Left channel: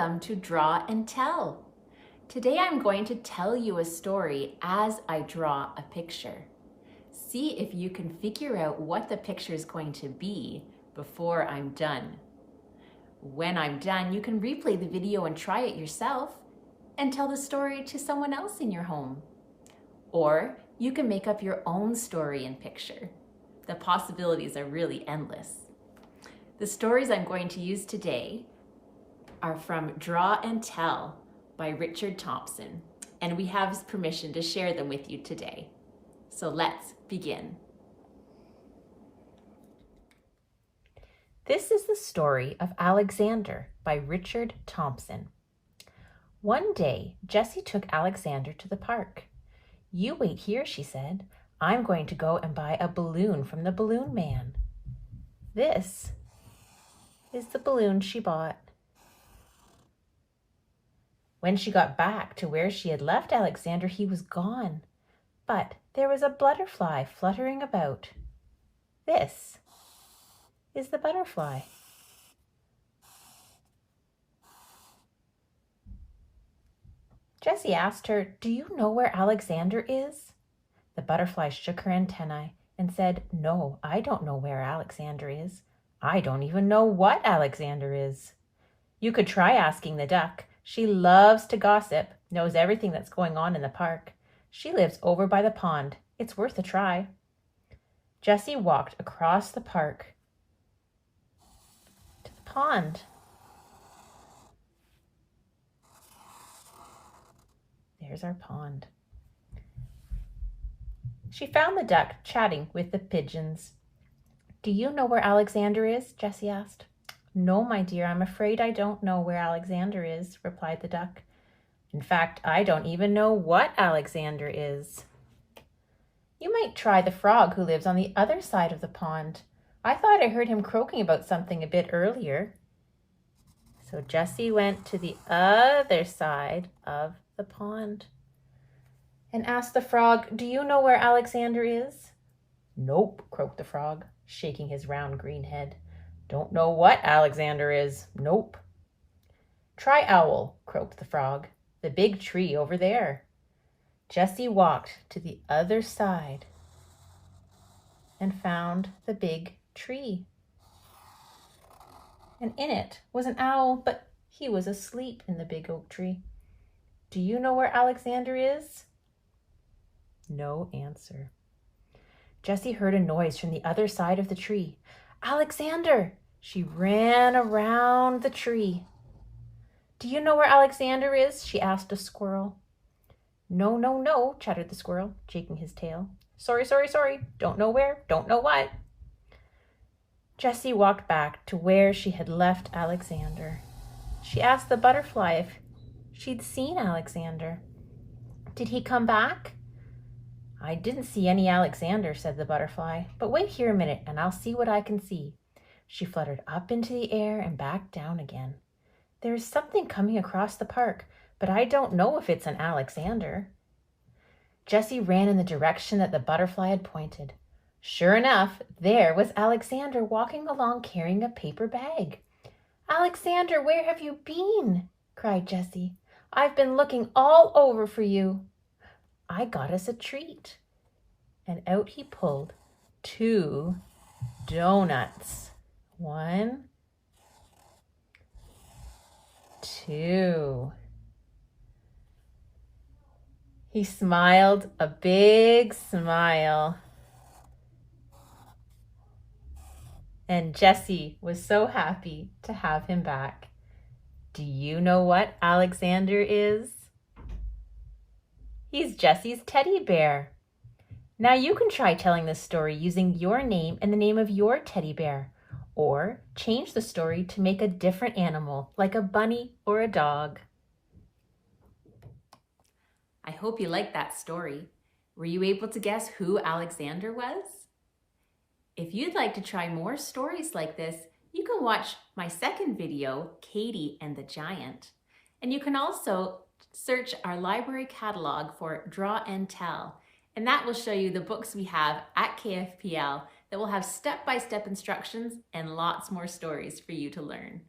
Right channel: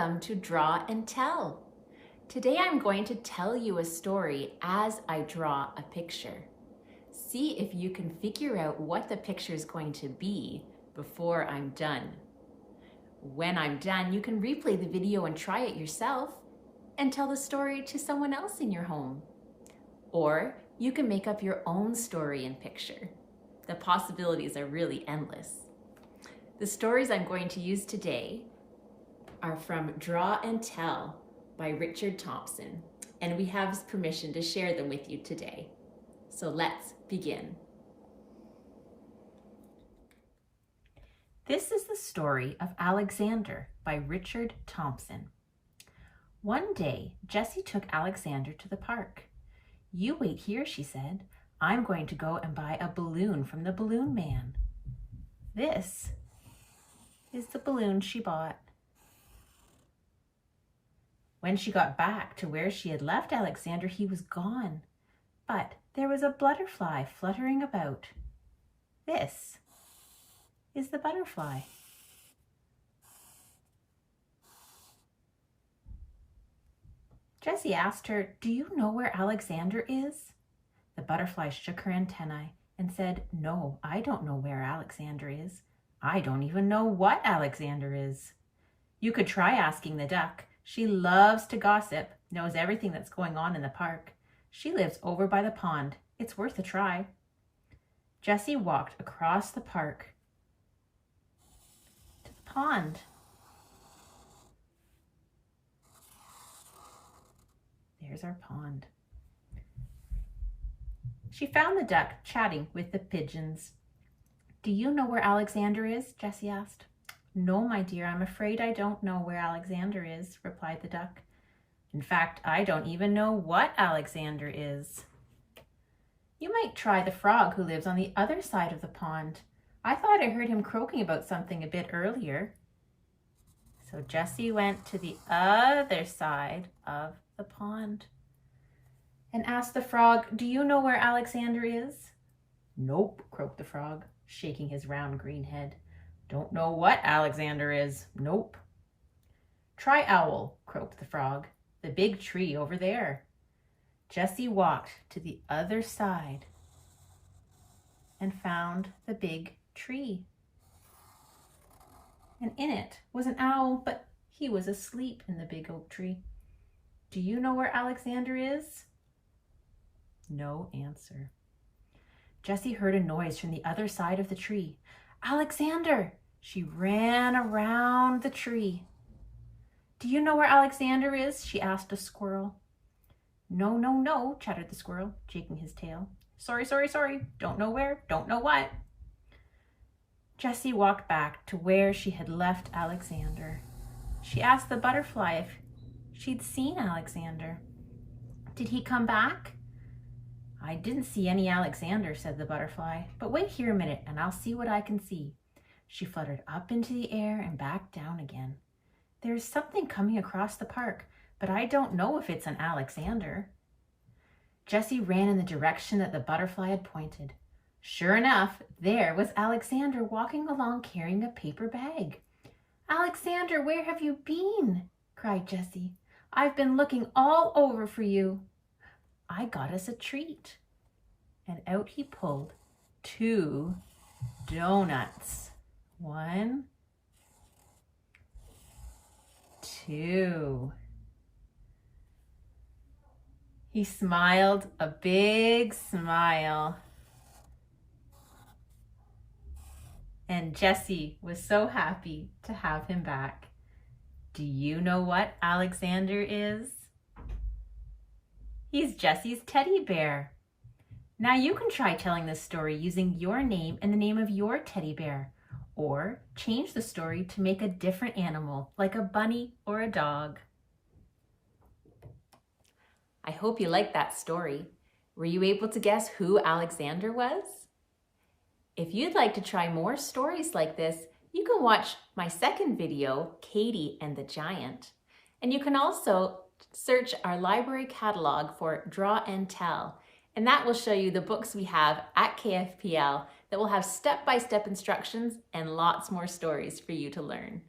Welcome to Draw and Tell. Today I'm going to tell you a story as I draw a picture. See if you can figure out what the picture is going to be before I'm done. When I'm done, you can replay the video and try it yourself and tell the story to someone else in your home. Or you can make up your own story and picture. The possibilities are really endless. The stories I'm going to use today are from Draw and Tell by Richard Thompson, and we have his permission to share them with you today. So let's begin. This is the story of Alexander by Richard Thompson. One day, Jessie took Alexander to the park. "You wait here," she said. "I'm going to go and buy a balloon from the balloon man." This is the balloon she bought. When she got back to where she had left Alexander, he was gone. But there was a butterfly fluttering about. This is the butterfly. Jessie asked her, "Do you know where Alexander is?" The butterfly shook her antennae and said, "No, I don't know where Alexander is. I don't even know what Alexander is." You could try asking the duck. She loves to gossip, knows everything that's going on in the park. She lives over by the pond. It's worth a try. Jessie walked across the park to the pond. There's our pond. She found the duck chatting with the pigeons. "Do you know where Alexander is?" Jessie asked. "No, my dear, I'm afraid I don't know where Alexander is," replied the duck. "In fact, I don't even know what Alexander is." "You might try the frog who lives on the other side of the pond. I thought I heard him croaking about something a bit earlier." So Jessie went to the other side of the pond and asked the frog, "Do you know where Alexander is?" "Nope," croaked the frog, shaking his round green head. "Don't know what Alexander is. Nope." "Try owl," croaked the frog. "The big tree over there." Jessie walked to the other side and found the big tree. And in it was an owl, but he was asleep in the big oak tree. "Do you know where Alexander is?" No answer. Jessie heard a noise from the other side of the tree. "Alexander!" She ran around the tree. "Do you know where Alexander is?" she asked a squirrel. "No, no, no," chattered the squirrel, shaking his tail. Sorry. Don't know where, don't know what." Jessie walked back to where she had left Alexander. She asked the butterfly if she'd seen Alexander. "Did he come back?" "I didn't see any Alexander," said the butterfly. "But wait here a minute and I'll see what I can see." She fluttered up into the air and back down again. "There is something coming across the park, but I don't know if it's an Alexander." Jessie ran in the direction that the butterfly had pointed. Sure enough, there was Alexander walking along carrying a paper bag. "Alexander, where have you been?" cried Jessie. "I've been looking all over for you." "I got us a treat." And out he pulled 2 donuts. 1, 2. He smiled a big smile. And Jessie was so happy to have him back. Do you know what Alexander is? He's Jessie's teddy bear. Now you can try telling this story using your name and the name of your teddy bear, or change the story to make a different animal, like a bunny or a dog. I hope you liked that story. Were you able to guess who Alexander was? If you'd like to try more stories like this, you can watch my second video, Katie and the Giant. And you can also search our library catalog for Draw and Tell, and that will show you the books we have at KFPL that will have step-by-step instructions and lots more stories for you to learn.